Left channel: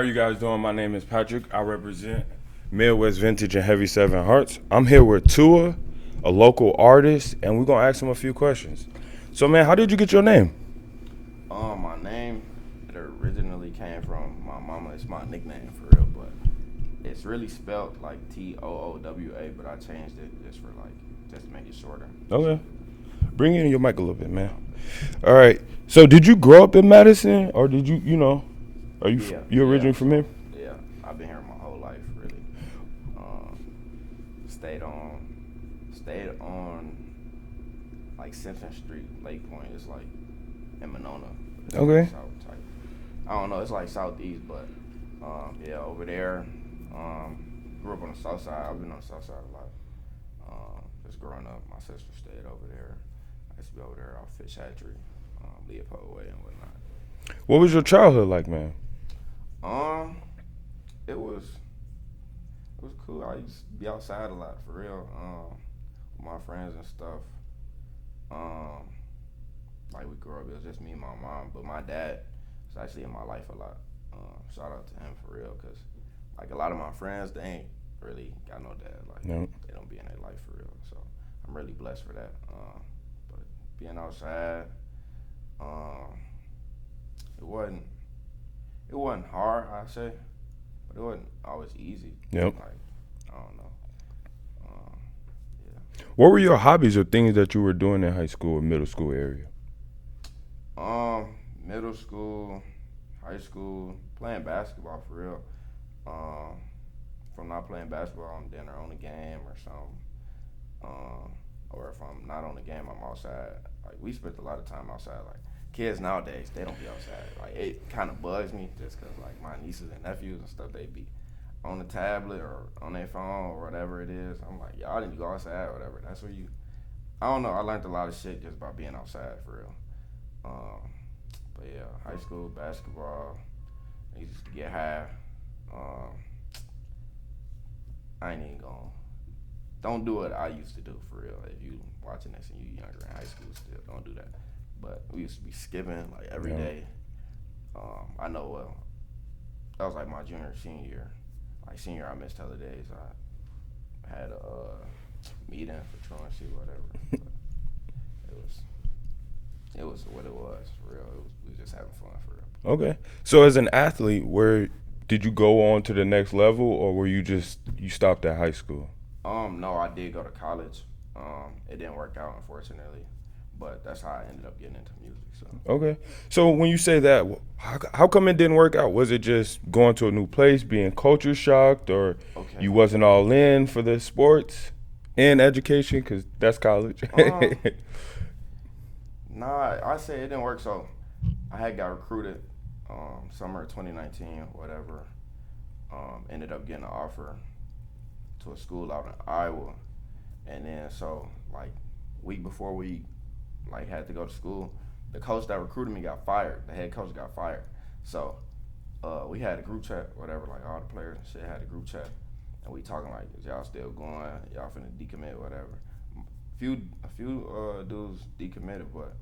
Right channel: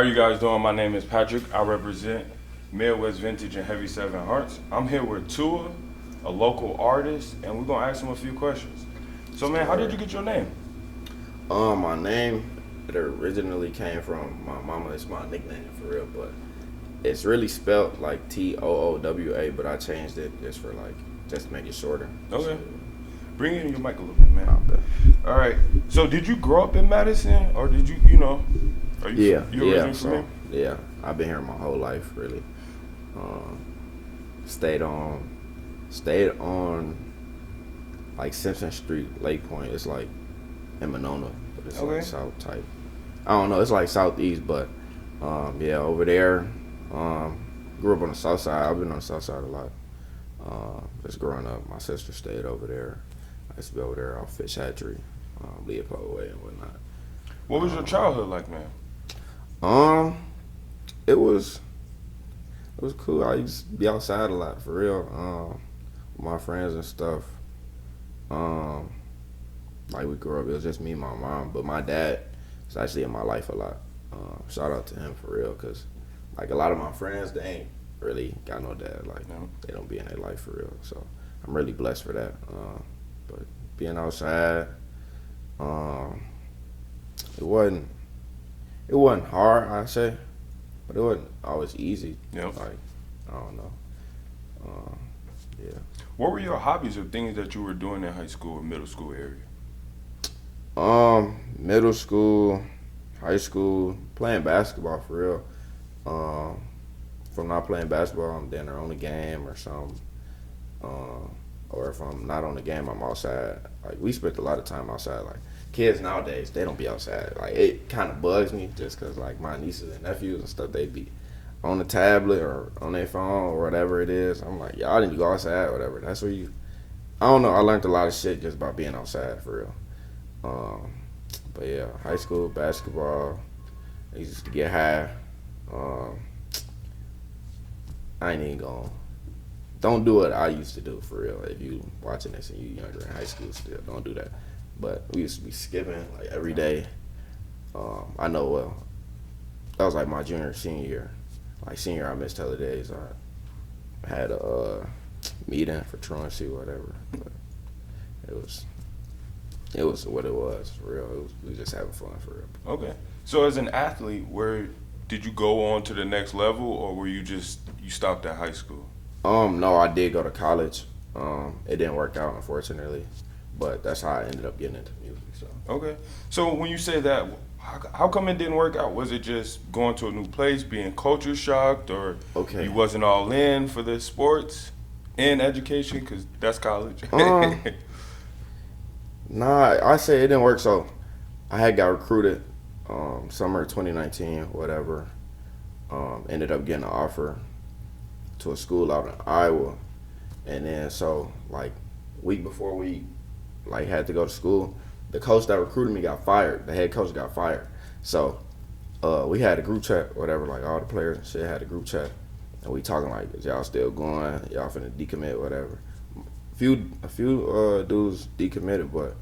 How you guys doing? My name is Patrick. I represent Midwest Vintage and Heavy Seven Hearts. I'm here with Tua, a local artist, and we're gonna ask him a few questions. So, man, how did you get your name? My name, it originally came from my mama. It's my nickname for real, but it's really spelled like Toowa, but I changed it just to make it shorter. Okay. Bring in your mic a little bit, man. I bet. All right. So, did you grow up in Madison, or did are you originally from here? Yeah, I've been here my whole life, really. Um, stayed on like Simpson Street, Lake Point. It's like in Monona, but it's Okay. like south type. I don't know. It's like southeast, but yeah, over there. Um, grew up on the south side. I've been on the south side a lot. Just growing up, my sister stayed over there. I used to be over there off Fish Hatchery, Leopold Way and whatnot. What was your childhood like, man? Um, it was cool. I used to be outside a lot for real. With my friends and stuff. Um, like we grew up, it was just me and my mom. But my dad is actually in my life a lot. Shout out to him for real, cause like a lot of my friends, they ain't really got no dad. Like No. they don't be in their life for real. So I'm really blessed for that. But being outside, um, it wasn't hard, I say, but it wasn't always easy. Yep. Like I don't know. Yeah. What were your hobbies or things that you were doing in high school or middle school area? Middle school, high school, playing basketball for real. If I'm not playing basketball, I'm dinner on the game or something. Or if I'm not on the game, I'm outside. Like we spent a lot of time outside. Like kids nowadays, they don't be outside. Like it kind of bugs me just because like my nieces and nephews and stuff, they be on the tablet or on their phone or whatever it is. I'm like, y'all didn't go outside or whatever. That's where you. I don't know. I learned a lot of shit just by being outside for real. But yeah, high school basketball. I used to get high. Um, I ain't even going. Don't do what I used to do for real. If you watching this and you younger in high school still, don't do that. But we used to be skipping like every day. I know well. That was like my junior, senior year. Like senior, I missed hella days. I had a meeting for truancy or whatever. But it was what it was for real. We was just having fun for real. Okay. So as an athlete, where did you go on to the next level, or were you stopped at high school? No, I did go to college. It didn't work out unfortunately, but that's how I ended up getting into music. So Okay. So when you say that, how come it didn't work out? Was it just going to a new place, being culture shocked, or okay. you wasn't all in for the sports and education? Because that's college. Um, Nah, I say it didn't work. So I had got recruited summer 2019, whatever. Ended up getting an offer to a school out in Iowa, and then so like week before we like had to go to school, the coach that recruited me got fired. The head coach got fired. So we had a group chat, whatever. Like all the players and shit had a group chat, and we talking like, is y'all still going? Y'all finna decommit, whatever. A few dudes decommitted, but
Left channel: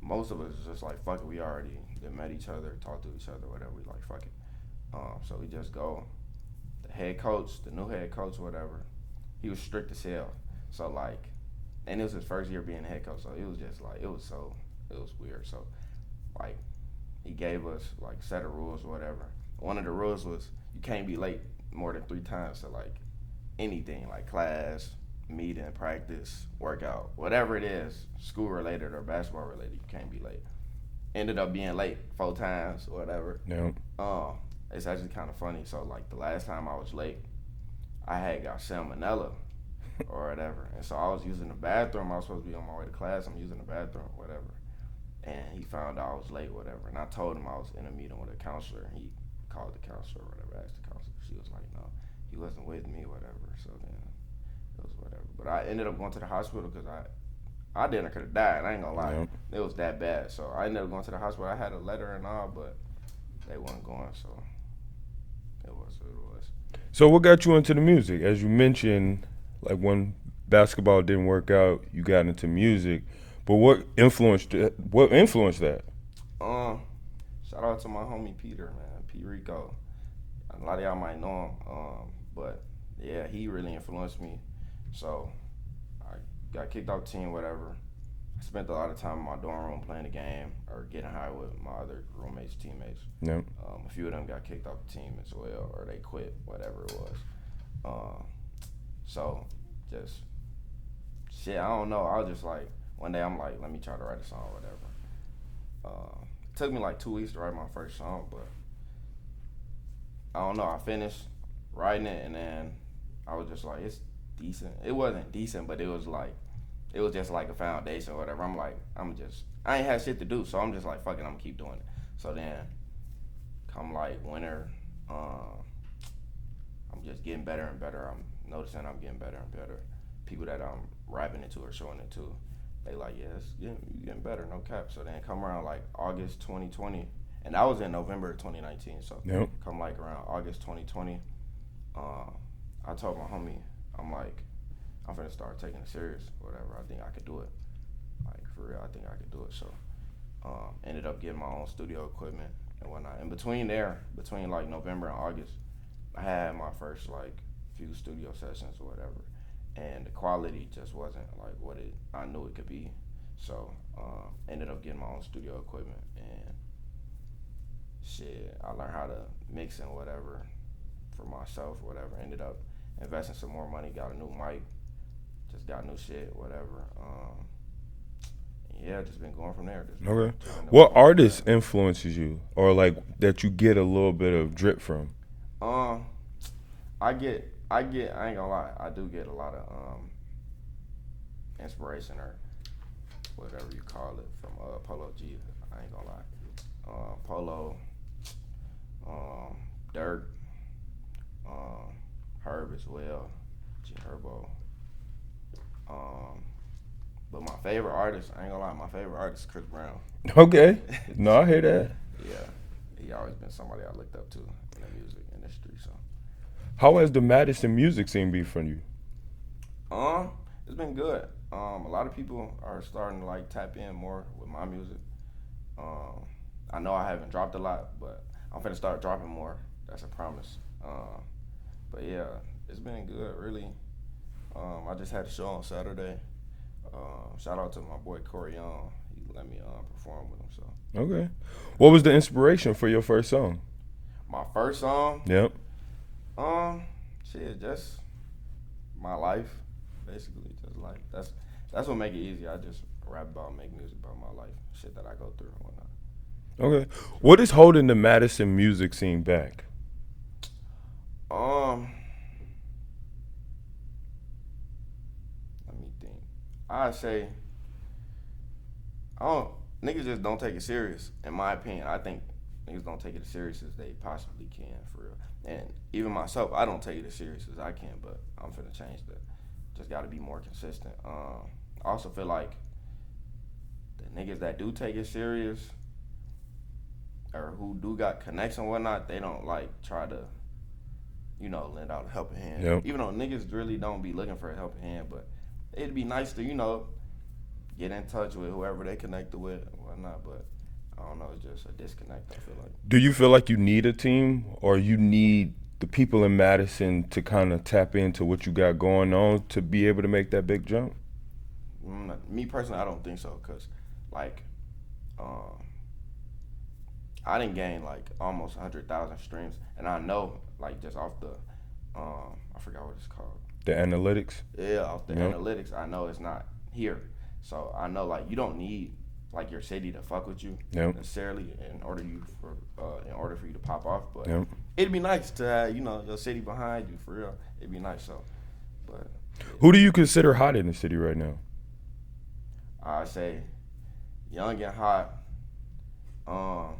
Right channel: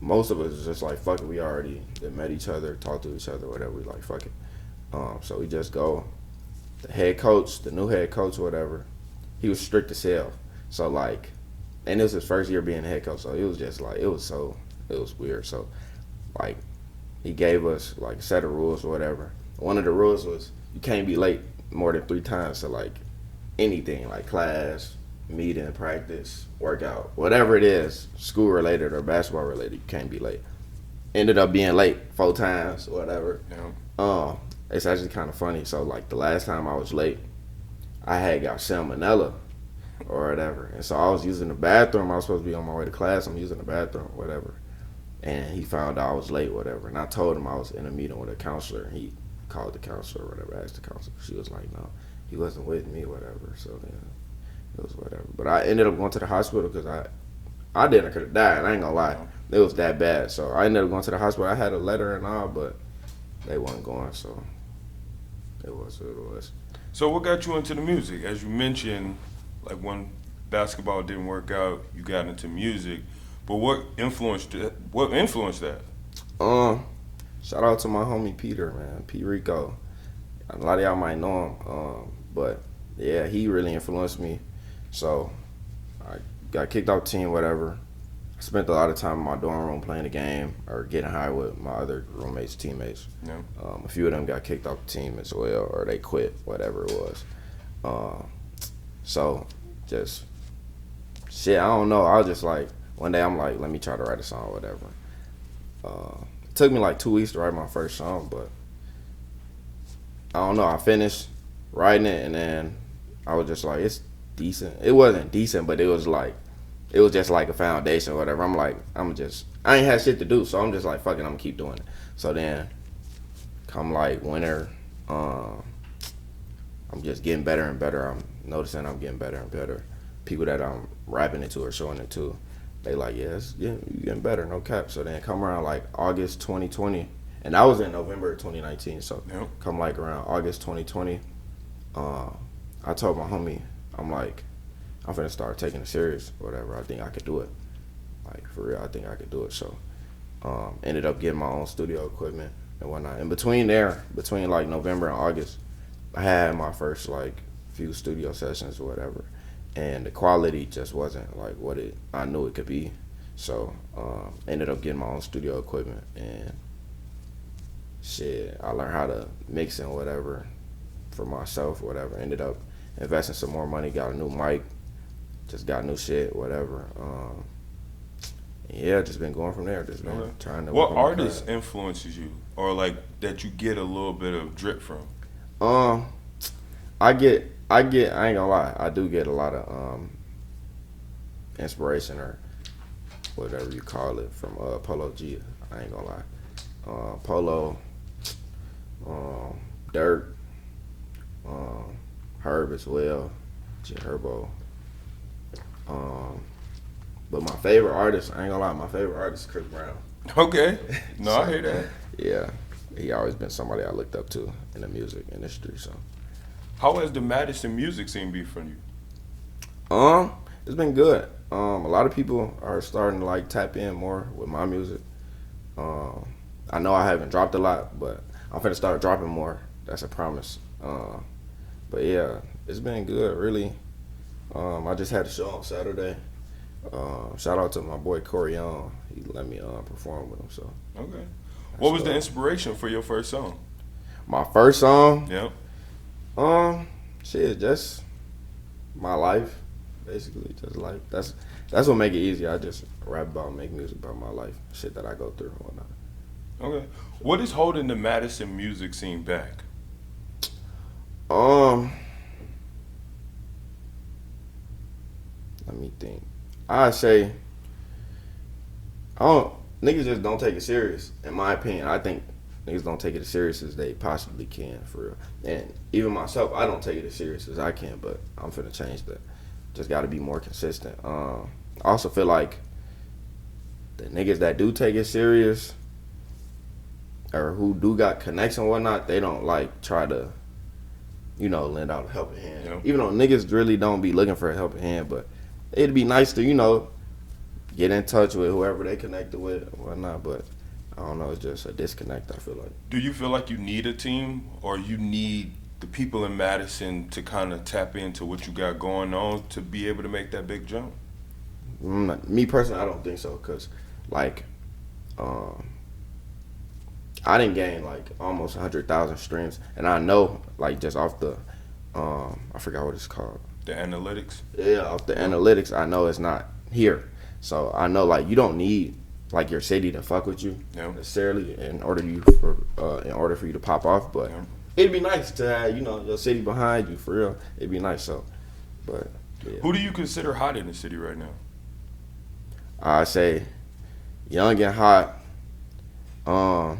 most of us is just like fuck it. We already met each other, talked to each other, whatever. We like fuck it. So we just go. The head coach, the new head coach, whatever, he was strict as hell. So like, and it was his first year being the head coach. So it was just like it was weird. So like, he gave us like a set of rules or whatever. One of the rules was you can't be late more than 3 times to like anything like class, meeting, practice, workout, whatever it is, school related or basketball related, you can't be late. Ended up being late 4 times, whatever. Yeah. It's actually kind of funny. So like the last time I was late, I had got salmonella or whatever, and so I was using the bathroom. I was supposed to be on my way to class. I'm using the bathroom, whatever, and he found out I was late, whatever. And I told him I was in a meeting with a counselor. And he called the counselor, or whatever, asked the counselor. She was like, no, he wasn't with me, whatever. So then it was whatever. But I ended up going to the hospital because I didn't. I could have died. I ain't gonna lie. It was that bad. So I ended up going to the hospital. I had a letter and all, but they wasn't going. So it was what it was. So what got you into the music? As you mentioned, like when basketball didn't work out, you got into music. But what influenced that? Um, Shout out to my homie Peter, man, P Rico. A lot of y'all might know him, but yeah, he really influenced me. So I got kicked off the team, whatever. I spent a lot of time in my dorm room playing the game or getting high with my other roommates, teammates. Yeah. A few of them got kicked off the team as well, or they quit, whatever it was. So just shit, I don't know. I was just like, one day I'm like, let me try to write a song, whatever. It took me like 2 weeks to write my first song, but I don't know. I finished writing it, and then I was just like, it's decent. It wasn't decent, but it was just like a foundation or whatever. I'm like, I ain't had shit to do, so I'm just like, fuck it, I'm gonna keep doing it. So then, come like winter, I'm just getting better and better. I'm noticing I'm getting better and better. People that I'm rapping it to or showing it to, they like, yeah, you getting better, no cap. So then come around like August 2020, and that was in November 2019. So Yep. come like around August 2020, I told my homie, I'm like, I'm finna start taking it serious, whatever. I think I could do it. Like, for real, I think I could do it. So, ended up getting my own studio equipment and whatnot. In between like November and August, I had my first, like, few studio sessions or whatever. And the quality just wasn't, like, what I knew it could be. So, ended up getting my own studio equipment. And, shit, I learned how to mix and whatever for myself or whatever. Ended up investing some more money, got a new mic. Just got new shit, whatever. Yeah, just been going from there. Just been Okay. trying to. What artist influences you, or like that you get a little bit of drip from? I ain't gonna lie, I do get a lot of inspiration or whatever you call it from Polo G. I ain't gonna lie, Polo, Dirt, Herb as well, G Herbo. But my favorite artist, I ain't gonna lie, my favorite artist is Chris Brown. Okay. No, I hear that. Yeah, he always been somebody I looked up to in the music industry. So, How has the Madison music scene been for you? it's been good. A lot of people are starting to like tap in more with my music. I know I haven't dropped a lot, but I'm finna start dropping more. That's a promise. But yeah, it's been good, really. I just had a show on Saturday. Shout out to my boy Corey Young. He let me perform with him. So Okay. What was the inspiration for your first song? my first song, Yep. shit, just my life, basically. Just like that's what make it easy. I just rap about, make music about my life, shit that I go through and whatnot. Okay. What is holding the Madison music scene back? Let me think. I say, niggas just don't take it serious. In my opinion, I think niggas don't take it as serious as they possibly can, for real. And even myself, I don't take it as serious as I can, but I'm finna change that. Just got to be more consistent. I also feel like the niggas that do take it serious or who do got connects and whatnot, they don't like try to, lend out a helping hand. Yep. Even though niggas really don't be looking for a helping hand, but it'd be nice to, get in touch with whoever they connected with and whatnot. But I don't know, it's just a disconnect, I feel like. Do you feel like you need a team, or you need the people in Madison to kind of tap into what you got going on to be able to make that big jump? Me personally, I don't think so, because, like, I didn't gain, like, almost 100,000 streams. And I know, like, just off the, I forgot what it's called. The analytics? Yeah, off the analytics, I know it's not here. So I know, like, you don't need, like, your city to fuck with you necessarily in order for you to pop off. But it'd be nice to have, your city behind you, for real. It'd be nice, so. But yeah. Who do you consider hot in the city right now? I say young and hot. Let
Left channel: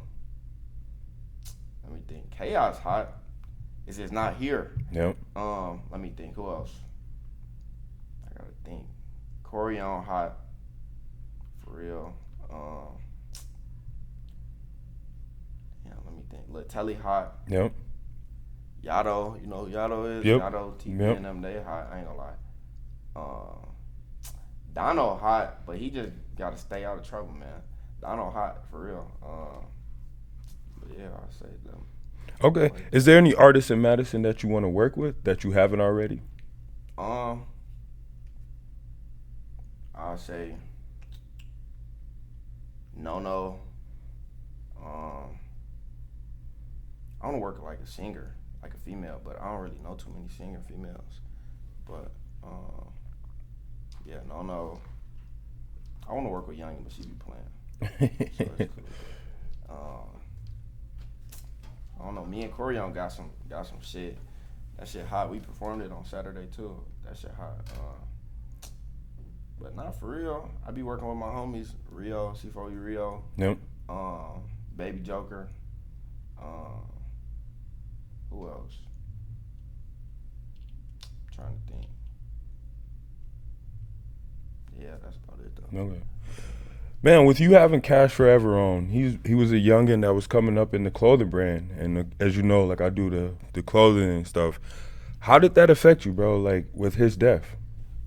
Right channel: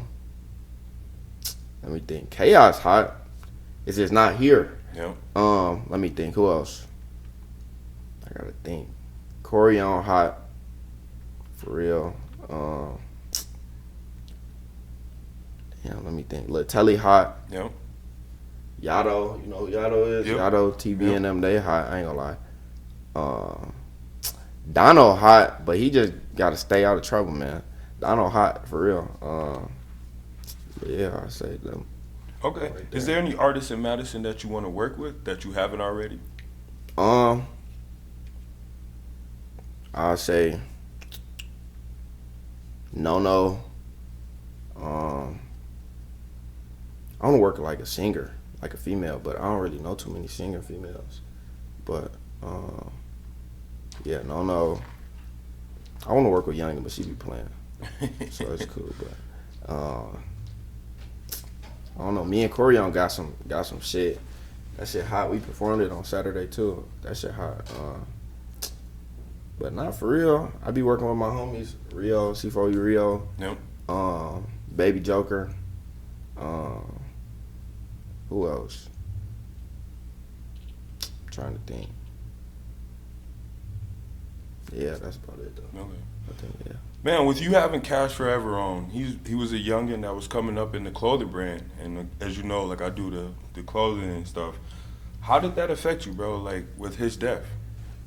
me think. Chaos hot. It's just not here. Yep. Let me think. Who else? I gotta think. Corey on hot. For real. Let me think. Lil Telly hot. Yep. Yado, you know who Yado is? Yep. Yado, TV and them, they hot. I ain't gonna lie. Dono hot, but he just gotta stay out of trouble, man. Dono hot, for real. Yeah, I say them. Okay. Is there any artists in Madison that you want to work with that you haven't already? Um, I say no. Um, I want to work like a singer, like a female, but I don't really know too many singer females. But yeah, no. I want to work with Young, but she be playing, so it's cool. But I don't know. Me and Corion got some shit. That shit hot. We performed it on Saturday too. That shit hot. But not for real. I be working with my homies, Rio, C4U Rio, Yep. Baby Joker. Who else? I'm trying to think. Yeah, that's about it though. Okay. I think, yeah. Man, with you having Cash Forever on, he was a youngin that was coming up in the clothing brand, and as you know, like I do the clothing and stuff. How did that affect you, bro? Like with his death?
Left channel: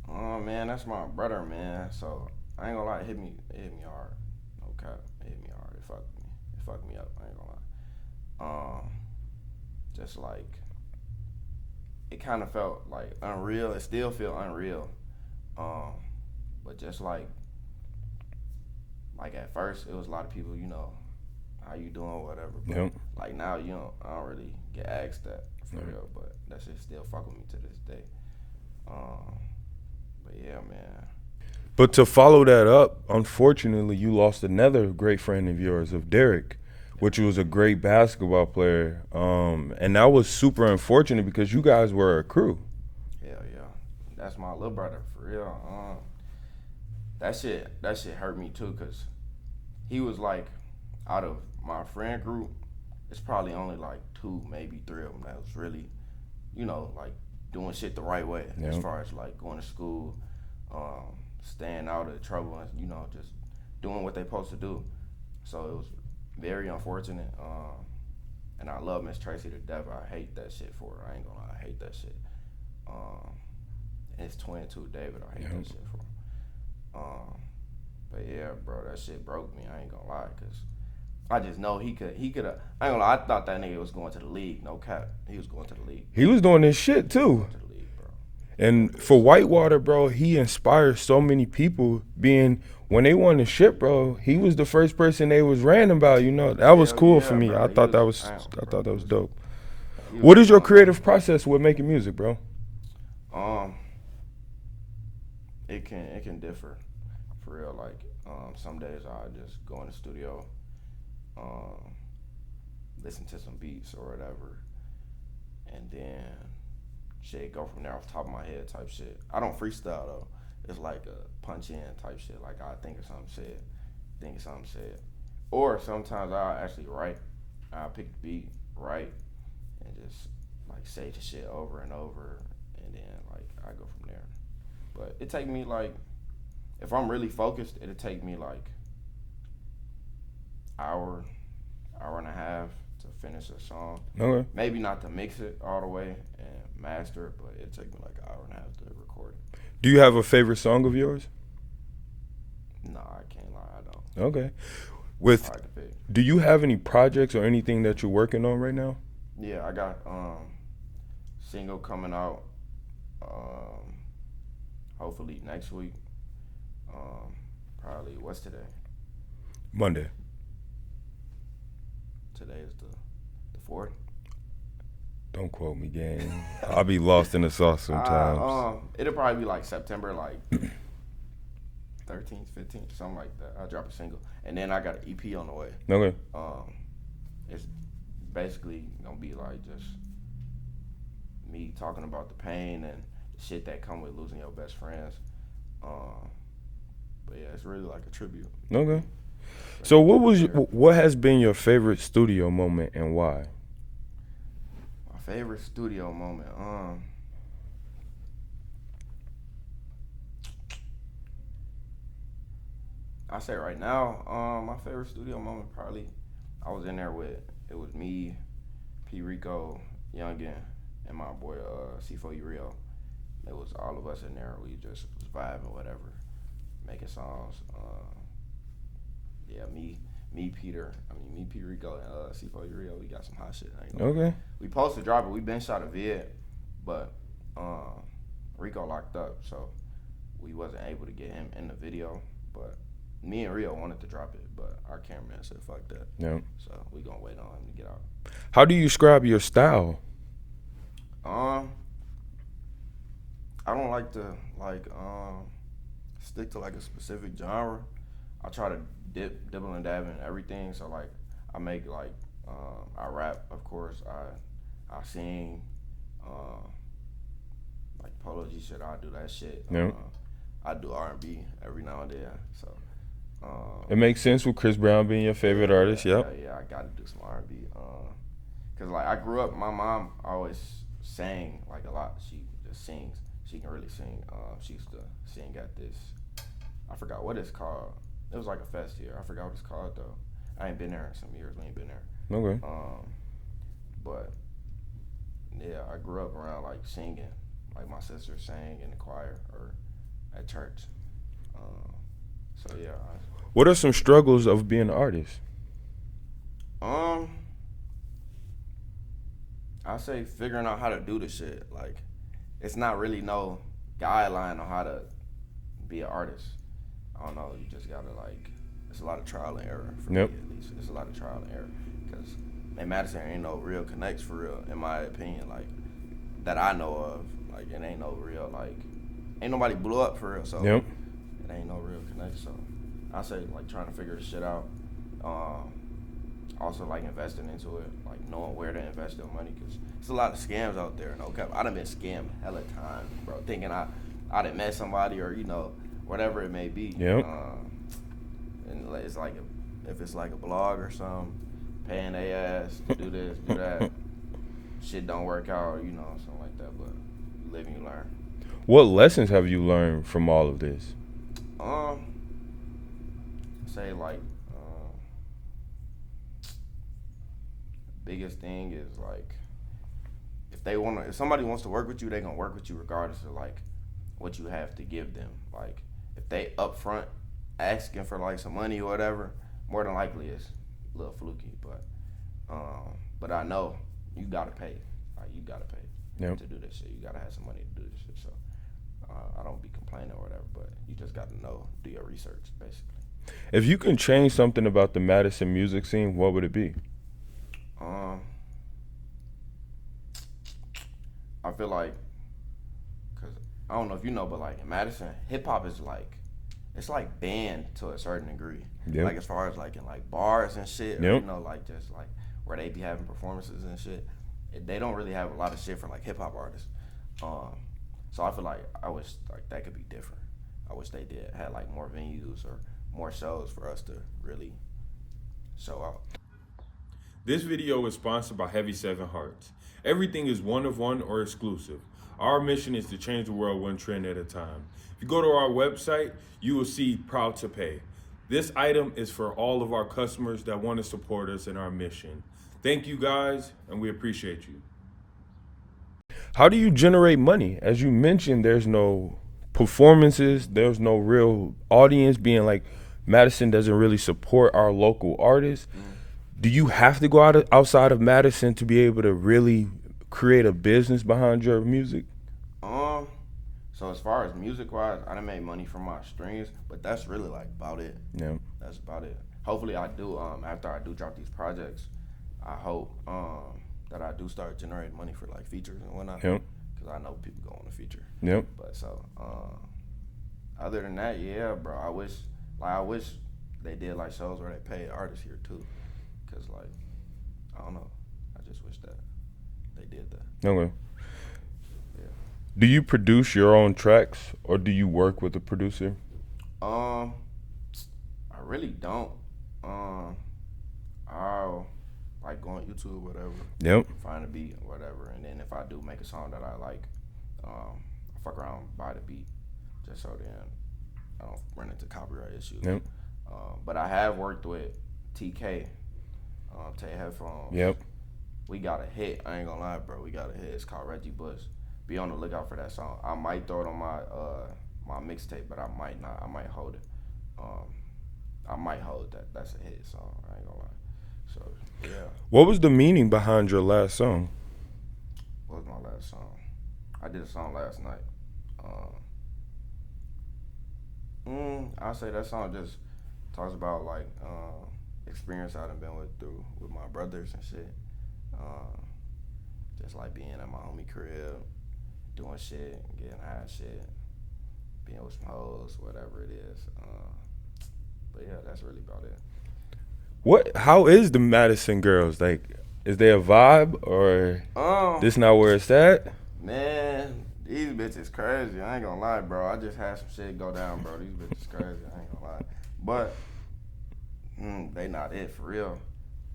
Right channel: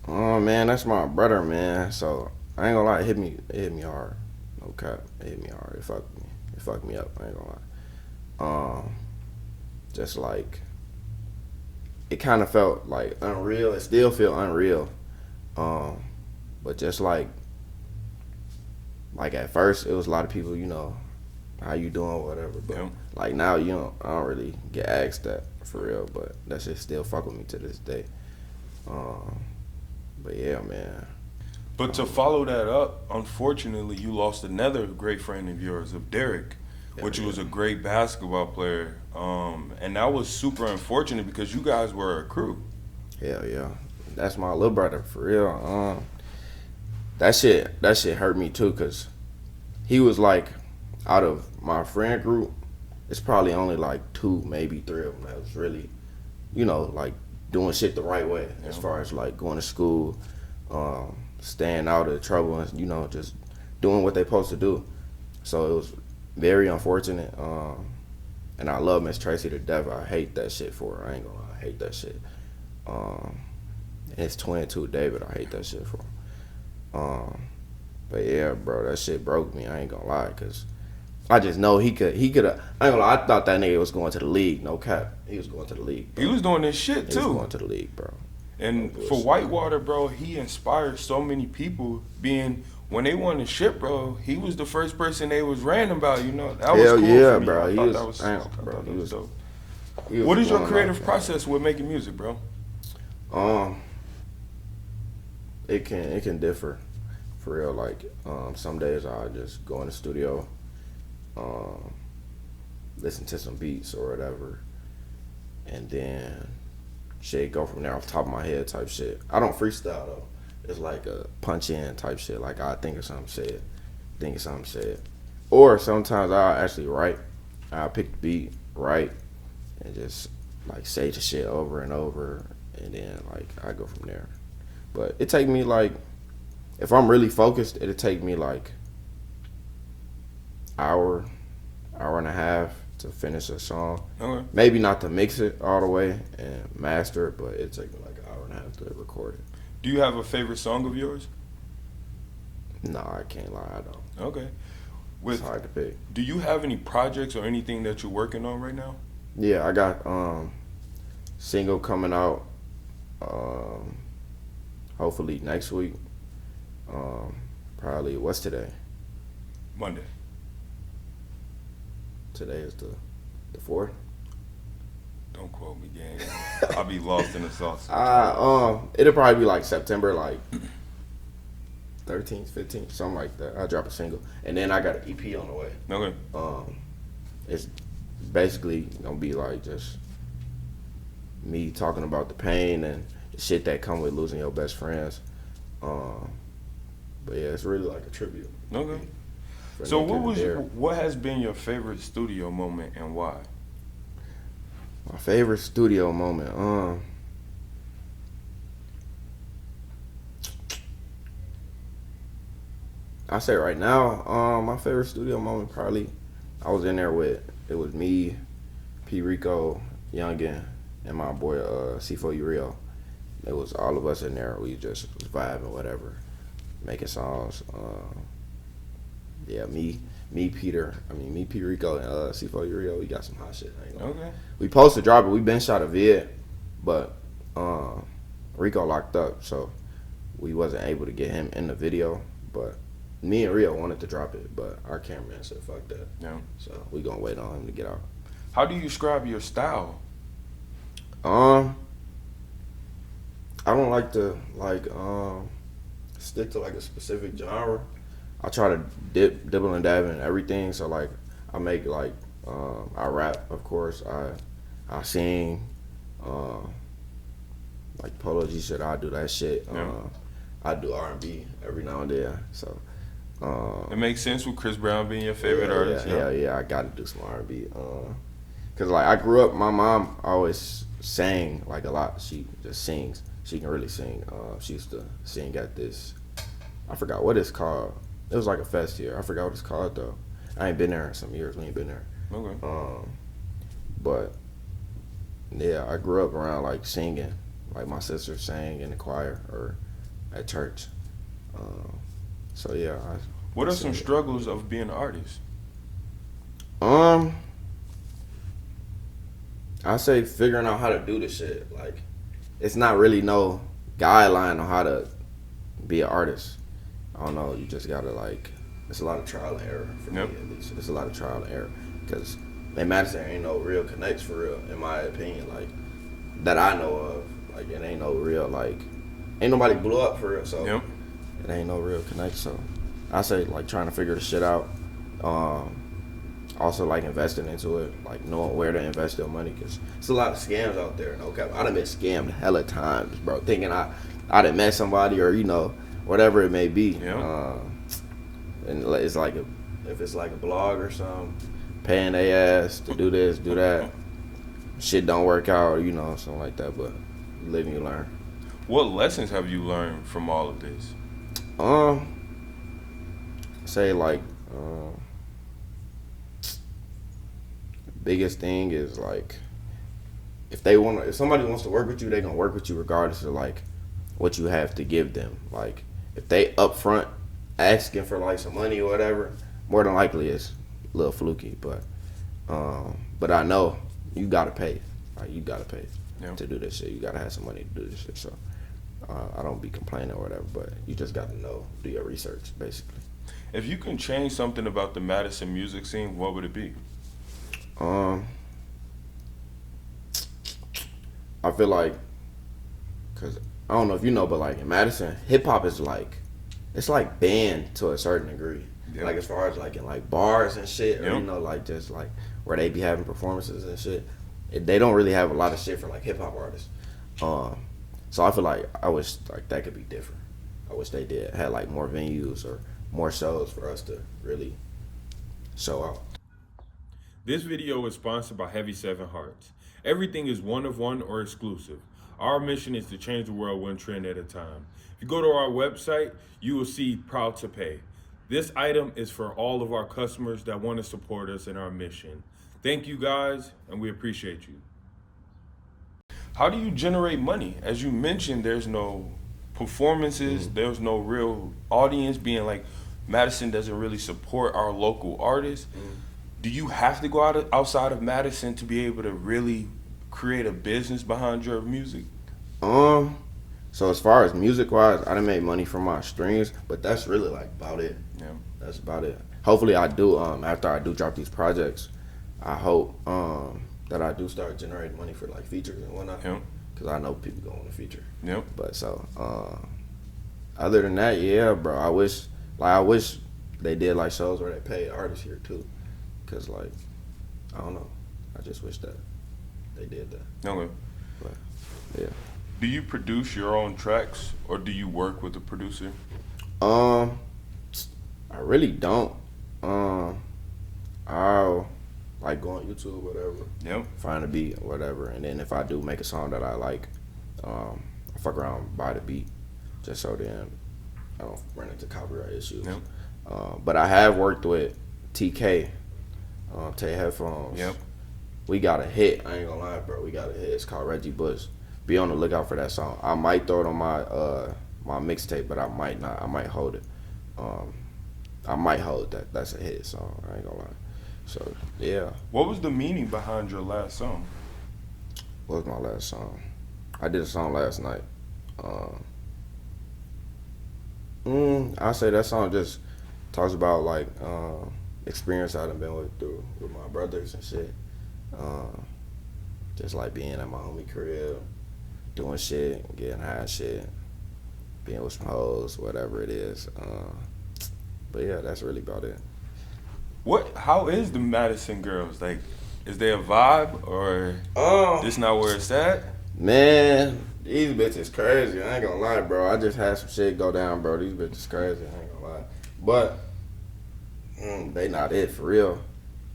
Oh man, that's my brother, man. So I ain't gonna lie, it hit me hard. No cap, it hit me hard. It fucked me up. I ain't gonna lie. Just like it kind of felt like unreal. It still feel unreal. But just like at first, it was a lot of people, how you doing, whatever. But Yep. like now, I don't really get asked that for real. But that shit still fuck with me to this day. But yeah, man. But to follow that up, unfortunately, you lost another great friend of yours, of Derek, which was a great basketball player. And that was super unfortunate because you guys were a crew. Hell yeah. That's my little brother, for real. That shit hurt me too, cause he was like, out of my friend group, it's probably only like 2, maybe 3 of them that was really, like doing shit the right way, Yeah. as far as like going to school, staying out of trouble, and just doing what they supposed to do. So it was very unfortunate. And I love Miss Tracy to death. I hate that shit for her. I ain't gonna lie, I hate that shit. And his twin too, David. I hate that shit for him. But yeah, bro, that shit broke me. I ain't gonna lie, cause I just know he could have. I ain't gonna lie. I thought that nigga was going to the league. No cap, he was going to the league. He was doing this shit He was too. going to the league, bro. And for Whitewater, bro, he inspired so many people. When they won the ship, bro, he was the first person they was ranting about. That was Hell cool yeah, for me. bro. I He thought was- that was damn, I bro. thought that He was was- dope. He was What is your one of my- creative process with making music, bro? It can differ, for real. Like some days I just go in the studio, listen to some beats or whatever, and then shit go from there off the top of my head type shit. I don't freestyle though. It's like a punch in type shit. Like I think of something said, or sometimes I actually write. I pick the beat, write, and just like say the shit over and over, and then like I go from there. But it take me like, if I'm really focused, it'll take me like hour and a half to finish a song. Okay. Maybe not to mix it all the way and master it, but it take me like an hour and a half to record it. Do you have a favorite song of yours? No, I can't lie, I don't. Okay. It's hard to pick. Do you have any projects or anything that you're working on right now? Yeah, I got single coming out hopefully next week. Probably, what's today? Monday. Today is the 4th. Don't quote me, gang. I'll be lost in the sauce sometimes. It'll probably be like September, like 13th, 15th, something like that. I'll drop a single, and then I got an EP on the way. Okay. It's basically gonna be like just me talking about the pain and the shit that come with losing your best friends. But yeah, it's really like a tribute. Okay. For So me to what has been your favorite studio moment and why? My favorite studio moment. I say right now, my favorite studio moment probably, I was in there with, it was me, P. Rico, Youngin, and my boy C4U Rio. It was all of us in there. We just was vibing, whatever, making songs. Yeah, Peter, Rico, and C4 Rio, we got some hot shit. Okay. We supposed to drop it. We been shot a vid, but Rico locked up, so we wasn't able to get him in the video. But me and Rio wanted to drop it, but our cameraman said fuck that. Yeah. So we gonna wait on him to get out. How do you describe your style? I don't like to stick to like a specific genre. I try to dibble and dab in everything. So like I make like I rap, of course. I sing, like Polo G shit. I do that shit. Yeah. I do R&B every now and then. So It makes sense with Chris Brown being your favorite artist. Yeah. I got to do some R&B. Cause like I grew up, my mom always sang like a lot. She just sings. She can really sing. She used to sing at this, I forgot what it's called. It was like a fest here. I forgot what it's called though. I ain't been there in some years. We ain't been there. Okay. But yeah, I grew up around like singing. Like my sister sang in the choir or at church. So yeah. What are some struggles of being an artist? I say figuring out how to do this shit. Like, it's not really no guideline on how to be an artist. I don't know. You just gotta like. It's a lot of trial and error for me at least. It's a lot of trial and error because in Madison ain't no real connects for real, in my opinion. Like that I know of. Like it ain't no real like. Ain't nobody blew up for real. So it ain't no real connect. So I say like trying to figure the shit out. Also like investing into it, like knowing where to invest your money, because it's a lot of scams out there. No cap, I done been scammed hella times, bro. Thinking I done met somebody or whatever it may be. And it's like if it's like a blog or something, paying their ass to do this, do that, shit don't work out, something like that. But you live and you learn. What lessons have you learned from all of this? Say like. Biggest thing is like if somebody wants to work with you, they gonna work with you regardless of like what you have to give them. Like if they upfront asking for like some money or whatever, more than likely it's a little fluky. But I know you gotta pay. Like you gotta pay to do this shit. You gotta have some money to do this shit. So I don't be complaining or whatever, but you just gotta do your research basically. If you can change something about the Madison music scene, what would it be? I feel like, cause I don't know if you know, but like in Madison, hip hop is like, it's like banned to a certain degree. Yep. Like as far as like in like bars and shit, Yep. or like just like where they be having performances and shit. They don't really have a lot of shit for like hip hop artists. So I feel like I wish like that could be different. I wish they had like more venues or more shows for us to really show out. This video is sponsored by Heavy 7 Hearts. Everything is one of one or exclusive. Our mission is to change the world one trend at a time. If you go to our website, you will see Proud to Pay. This item is for all of our customers that want to support us in our mission. Thank you guys, and we appreciate you. How do you generate money? As you mentioned, there's no performances, there's no real audience, being like Madison doesn't really support our local artists. Do you have to go outside of Madison to be able to really create a business behind your music? So as far as music wise, I done made money from my streams, but that's really like about it. Yeah. That's about it. Hopefully I do, after I do drop these projects, I hope that I do start generating money for like features and whatnot. Yep. Cause I know people go on the feature. Yep. But so, other than that, yeah, bro, I wish they did like shows where they paid artists here too. Cause like, I don't know, I just wish that they did that. Okay. But, yeah. Do you produce your own tracks or do you work with a producer? I really don't. I'll like go on YouTube, whatever. Yep. Find a beat, whatever, and then if I do make a song that I like, I fuck around, buy the beat, just so then I don't run into copyright issues. Yep. But I have worked with TK, Tay Headphones. Yep. We got a hit. I ain't gonna lie, bro. We got a hit. It's called Reggie Bush. Be on the lookout for that song. I might throw it on my my mixtape, but I might not. I might hold it. I might hold that. That's a hit song. I ain't gonna lie. So yeah, What was the meaning behind your last song? what was my last song? I did a song last night. I say that song just talks about like experience I done been through with my brothers and shit. Just like being at my homie crib, doing shit, getting high and shit, being with some hoes, whatever it is. But yeah, that's really about it. How is the Madison girls? Like, is there a vibe or this not where it's at? Man, these bitches crazy. I ain't gonna lie, bro. I just had some shit go down, bro. These bitches crazy. I ain't gonna lie. But they not it for real.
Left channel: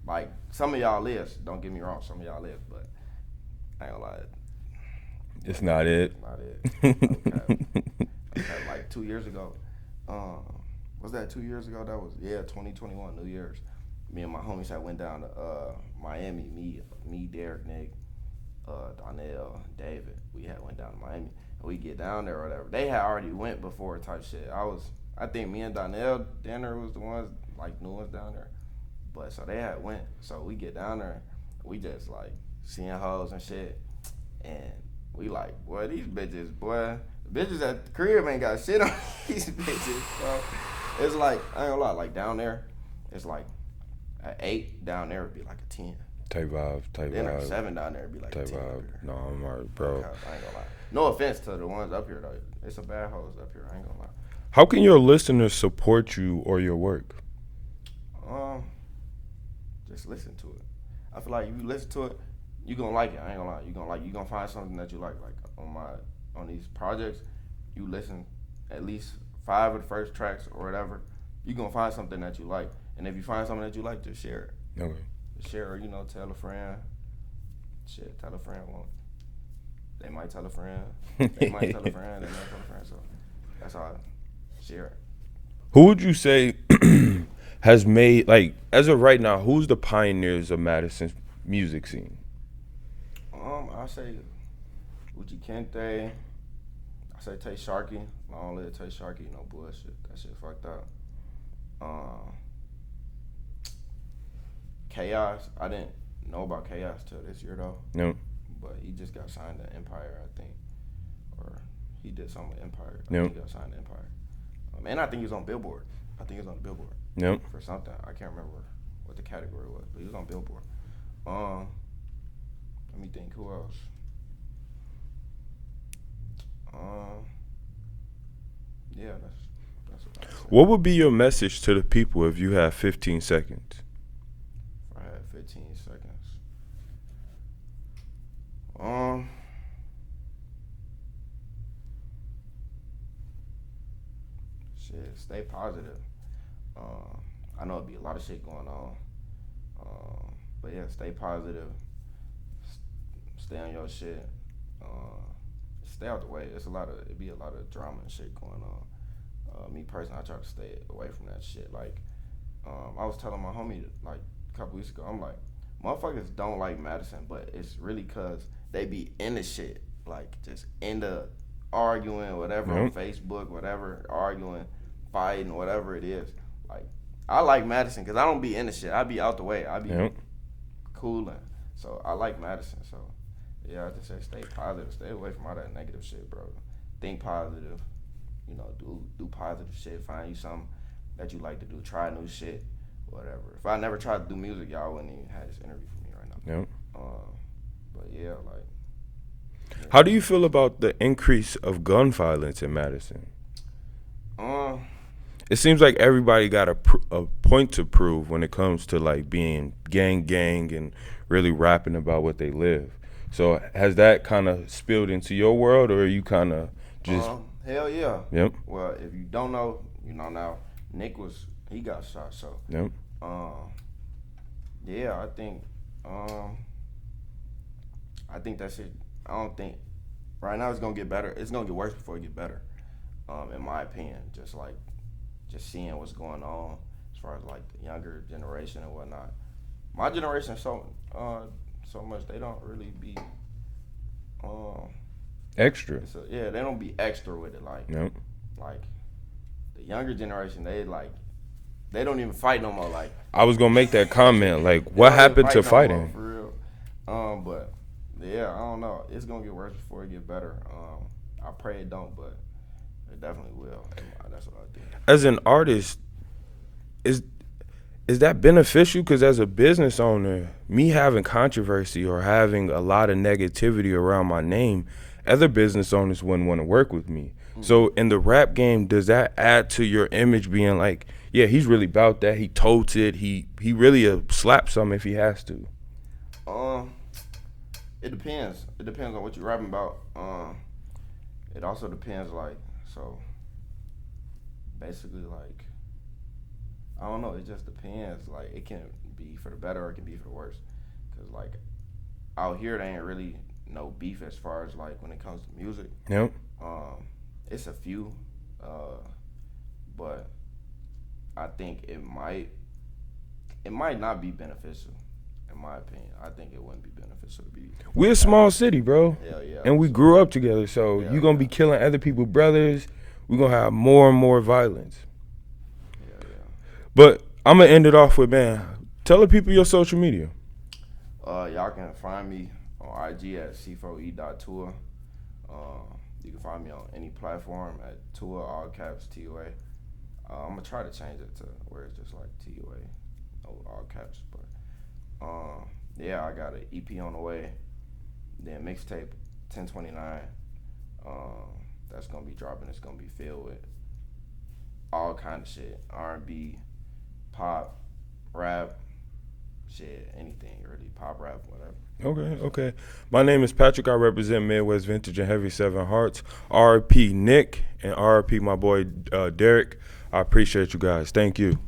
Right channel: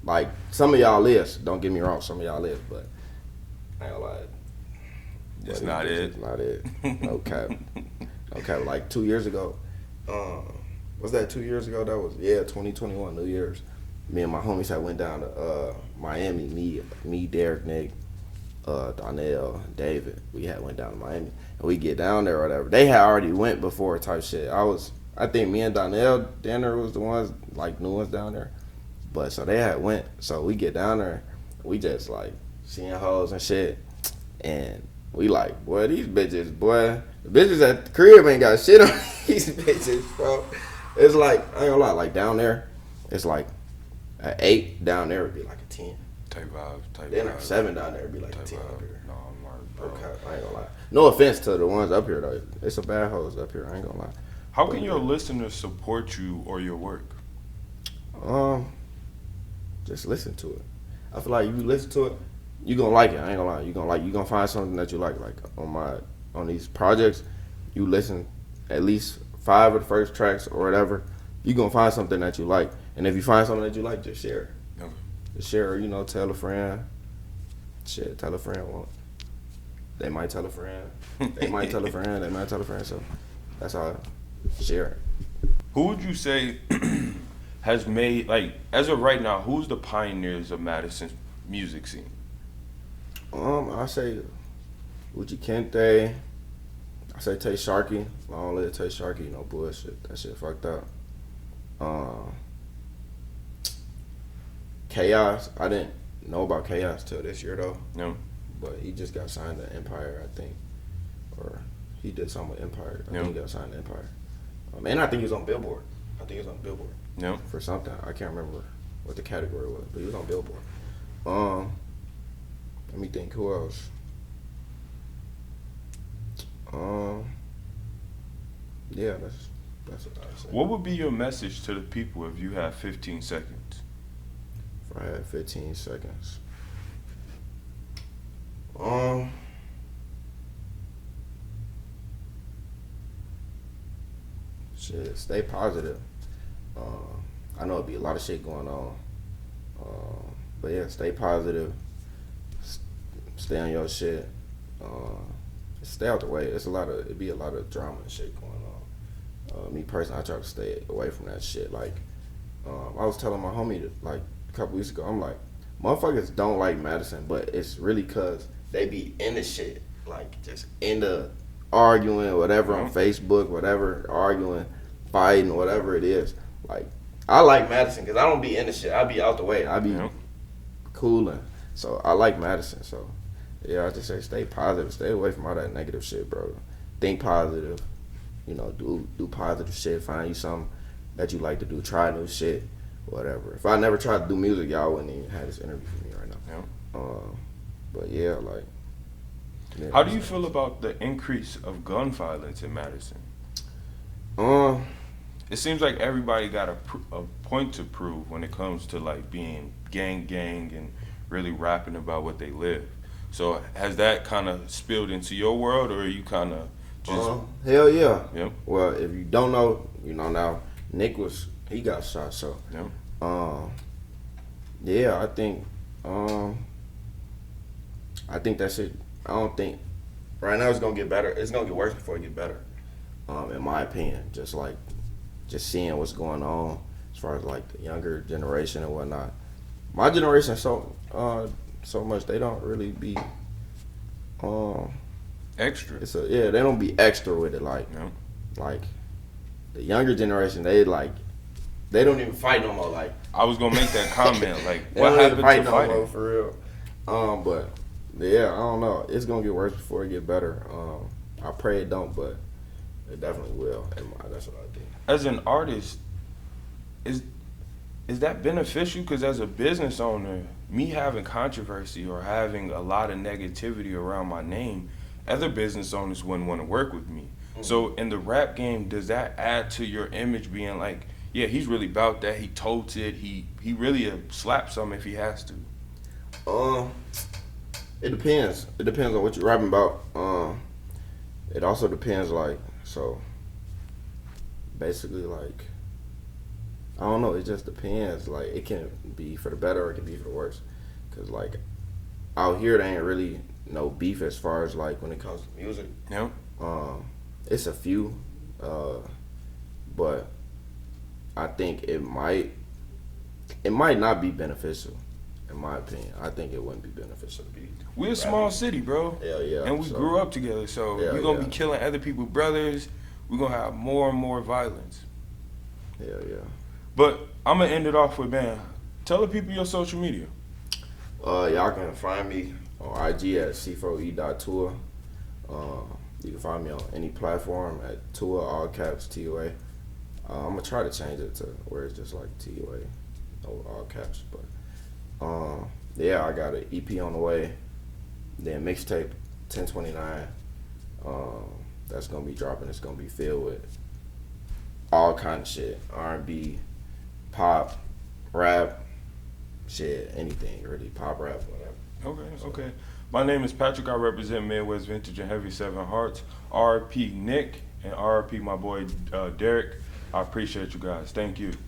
Like some of y'all is. Don't get me wrong. Some of y'all is, but I ain't gonna lie. It's not it. Not it. Okay. Okay. Like 2 years ago. Was that 2 years ago? That was 2021 New Year's. Me and my homies had went down to Miami. Me, Derek, Nick, Donnell, David. We had went down to Miami, and we get down there or whatever. They had already went before type shit. I think me and Donnell Danner was the ones like new ones down there, but so they had went. So we get down there, we just like seeing hoes and shit, and we like, boy, these bitches, boy, the bitches at the crib ain't got shit on these bitches, bro. It's like I ain't gonna lie, like down there, it's like an 8 down there would be like a 10. Type vibe. Then a 7 down there would be like a Type 10. vibe. No, I'm alright, bro. Okay, I ain't gonna lie. No offense to the ones up here though. It's some bad hoes up here. I ain't gonna lie. How can your listeners support you or your work? Just listen to it. I feel like if you listen to it, you gonna like it. I ain't gonna lie. You gonna find something that you like. Like on these projects, you listen at least 5 of the first tracks or whatever. You gonna find something that you like. And if you find something that you like, just share it. Okay. Just share it. Tell a friend. Shit, tell a friend. Well, they might tell a friend. They might tell a friend. They might tell a friend. So that's how I share it. Who would you say has made, like, as of right now, who's the pioneers of Madison's music scene? I say Uchi Kente. I say Tay Sharkey. Long live Tay Sharkey. No bullshit. That shit fucked up. Chaos. I didn't know about Chaos till this year though. No. But he just got signed to Empire, I think, or he did something with Empire. I No. think he got signed to Empire. And I think he was on Billboard. No. For something. I can't remember what the category was, but he was on Billboard. Let me think. Who else? Yeah, that's what I said. What would be your message to the people if you have 15 seconds? If I had 15 seconds. Shit, stay positive. I know it'd be a lot of shit going on. But yeah, stay positive. Stay on your shit. Stay out the way. It'd be a lot of drama and shit going on. Me personally, I try to stay away from that shit. Like, I was telling my homie like a couple weeks ago, I'm like, motherfuckers don't like Madison, but it's really cause they be in the shit, like just in the arguing or whatever on Facebook, whatever, arguing, fighting, whatever it is. Like, I like Madison because I don't be in the shit. I be out the way. I be cooling. So I like Madison. So yeah, I just say stay positive. Stay away from all that negative shit, bro. Think positive. Do positive shit. Find you something that you like to do. Try new shit. Whatever. If I never tried to do music, y'all wouldn't even have this interview for me right now. But yeah, like. Yeah. How do you feel about the increase of gun violence in Madison? It seems like everybody got a point to prove when it comes to like being gang and really rapping about what they live. So has that kind of spilled into your world, or are you kind of just? Hell yeah. Yep. Well, if you don't know, you know now. Nick he got shot. So. Yep. Yeah, I think that shit. I don't think right now it's gonna get better. It's gonna get worse before it get better. In my opinion, just seeing what's going on as far as like the younger generation and whatnot. My generation so much they don't really be Extra. they don't be extra with it like Yep. like the younger generation they like They don't even fight no more. Like I was gonna make that comment. Like, they what don't even happened fight to no fighting? more, for real. But yeah, I don't know. It's gonna get worse before it get better. I pray it don't, but it definitely will. And that's what I do. As an artist, is that beneficial? Because as a business owner, me having controversy or having a lot of negativity around my name, other business owners wouldn't want to work with me. So in the rap game, does that add to your image being like, yeah, he's really about that. He totes it. He really slap some if he has to. It depends. It depends on what you're rapping about. It also depends, like, so basically, like, I don't know. It just depends. Like, it can be for the better or it can be for the worse. Because, like, out here, there ain't really no beef as far as, like, when it comes to music. Yep. It's a few, but I think it might not be beneficial, in my opinion. I think it wouldn't be beneficial to be. We're a small city, bro. Yeah. And we So, grew up together, so Yeah, you're going to yeah. be killing other people's brothers. We're going to have more and more violence. Yeah. But I'm going to end it off with, man, tell the people your social media. Y'all can find me on IG at c4e.tour. You can find me on any platform at Tour, all caps, TUA. I'm going to try to change it to where it's just like TUA, no all caps. But, yeah, I got an EP on the way. Then mixtape 1029. That's going to be dropping. It's going to be filled with all kind of shit. R&B, pop, rap, shit, anything really. Pop, rap, whatever. Okay. My name is Patrick. I represent Midwest Vintage and Heavy 7 Hearts. RP Nick and RP my boy Derek. I appreciate you guys. Thank you.